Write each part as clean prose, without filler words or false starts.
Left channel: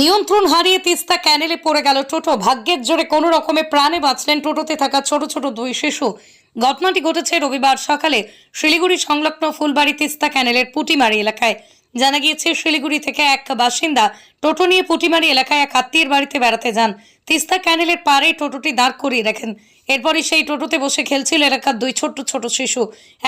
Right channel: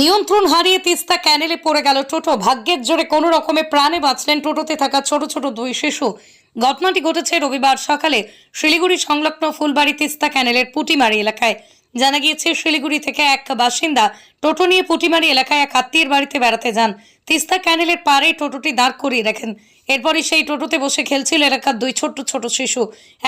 নিয়ন্ত্রণ হারিয়ে তিস্তা ক্যানেলে পড়ে গেল টোটো। ভাগ্যের জোরে কোনো রকমে প্রাণে বাঁচলেন টোটোতে থাকা ছোট ছোট দুই শিশু। ঘটনাটি ঘটেছে রবিবার সকালে শিলিগুড়ি সংলগ্ন ফুলবাড়ি তিস্তা ক্যানেলের পুটিমারি এলাকায়। জানা গিয়েছে, শিলিগুড়ি থেকে এক বাসিন্দা টোটো নিয়ে পুটিমারি এলাকায় এক আত্মীয়ের বাড়িতে বেড়াতে যান। তিস্তা ক্যানেলের পাড়ে টোটোটি দাঁড় করিয়ে রাখেন। এরপরই সেই টোটোতে বসে খেলছিল এলাকার দুই ছোট ছোট শিশু।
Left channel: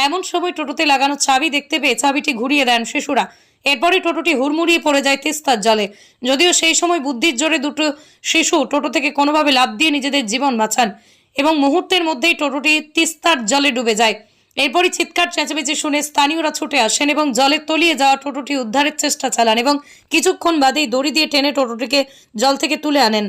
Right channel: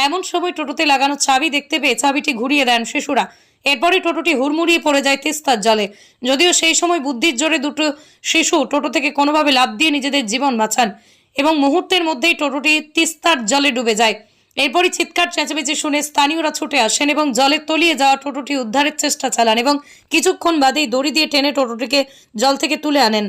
এমন সময় টোটোতে লাগানো চাবি দেখতে পেয়ে চাবিটি ঘুরিয়ে দেন শিশুরা। এরপরে টোটোটি হুড়মুড়িয়ে পড়ে যায় তিস্তার জলে। যদিও সেই সময় বুদ্ধির জোরে দুটো শিশু টোটো থেকে কোনোভাবে লাফ দিয়ে নিজেদের জীবন বাঁচান এবং মুহূর্তের মধ্যেই টোটোটি তিস্তার জলে ডুবে যায়। এরপরই চিৎকার চেঁচামেচি শুনে স্থানীয়রা ছুটে আসেন এবং জলে তলিয়ে যাওয়া টোটোটি উদ্ধারের চেষ্টা চালান এবং কিছুক্ষণ বাদেই দড়ি দিয়ে টেনে টোটোটিকে জল থেকে তুলে আনেন।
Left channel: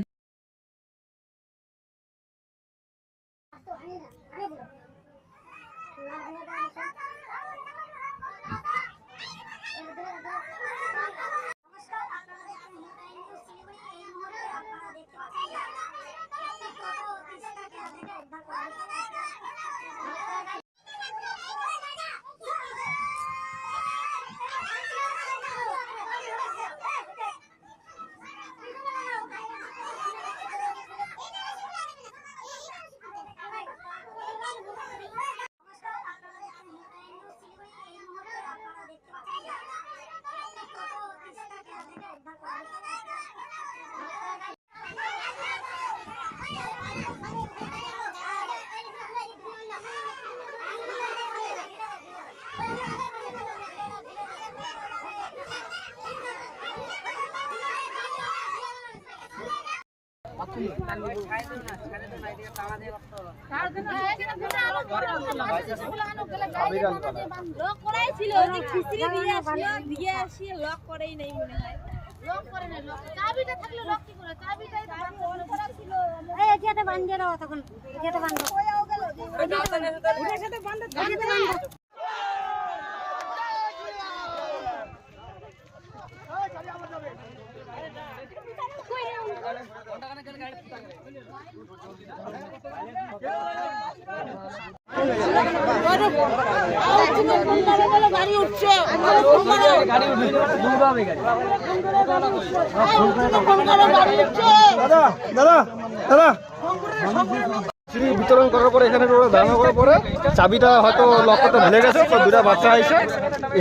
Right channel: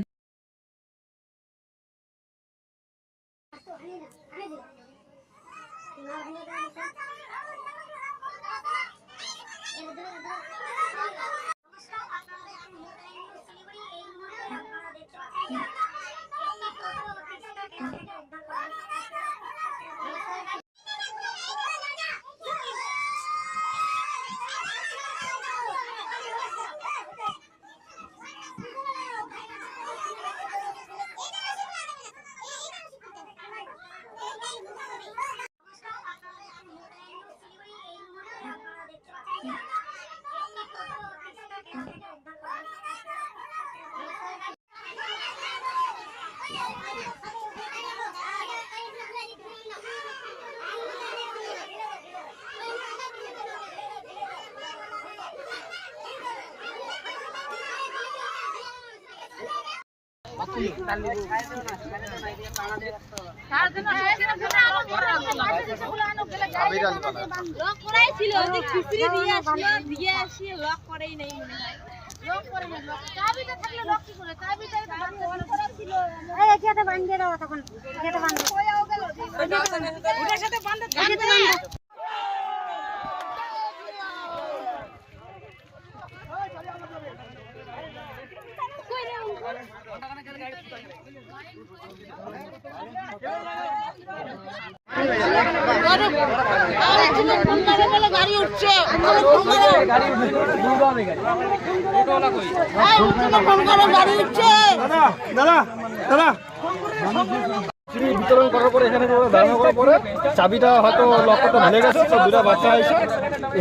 বিতরণ করার পরে এখানে দাঁড়ানো করার পরে চাবিটা হয়তো লক করতে ভুলে গেছে, তো দুটা বাচ্চা এসে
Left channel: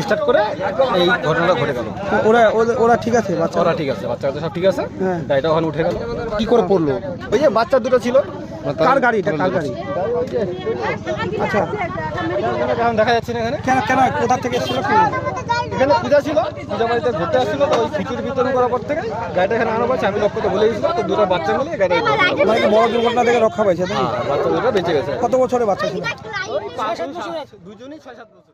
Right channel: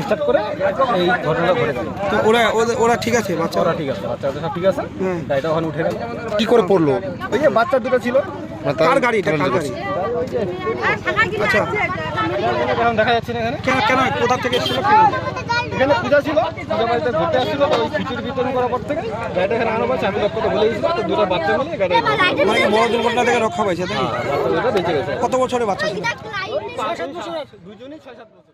স্টার্ট করে এই ঘটনাটা ঘটে গেল। ওরা ঠিক আছে? ওরা ঠিক আছে, বাচ্চাদের সব ঠিক আছে, গাড়িটা ওখানে উঠে গেল। কি করে পড়লো? ওই যে বাচ্চা দুটো ছিল। কার গাড়ি? আচ্ছা, এখন দেখা যাচ্ছে না এখানে। কেন কোথা থেকে এসেছিল? এখানে পূজা ছিল, পূজা বাড়িতে ঘুরতে আসছিল, তো ওই খিচুড়ি বিতরণ করার পর থেকে গাড়িটা এখানে আনা পাচ্ছে। আমি লক করতে ভুলে গেছিলাম, তো দুটো বাচ্চা মিলিয়ে গাড়ি বড় দুর্ঘটনা থেকে রক্ষা পাইছে। বাচ্চা দুটো বেঁচে গেছে। কত বছরের বাচ্চা ছিল? দুজনই 6-7 বছর।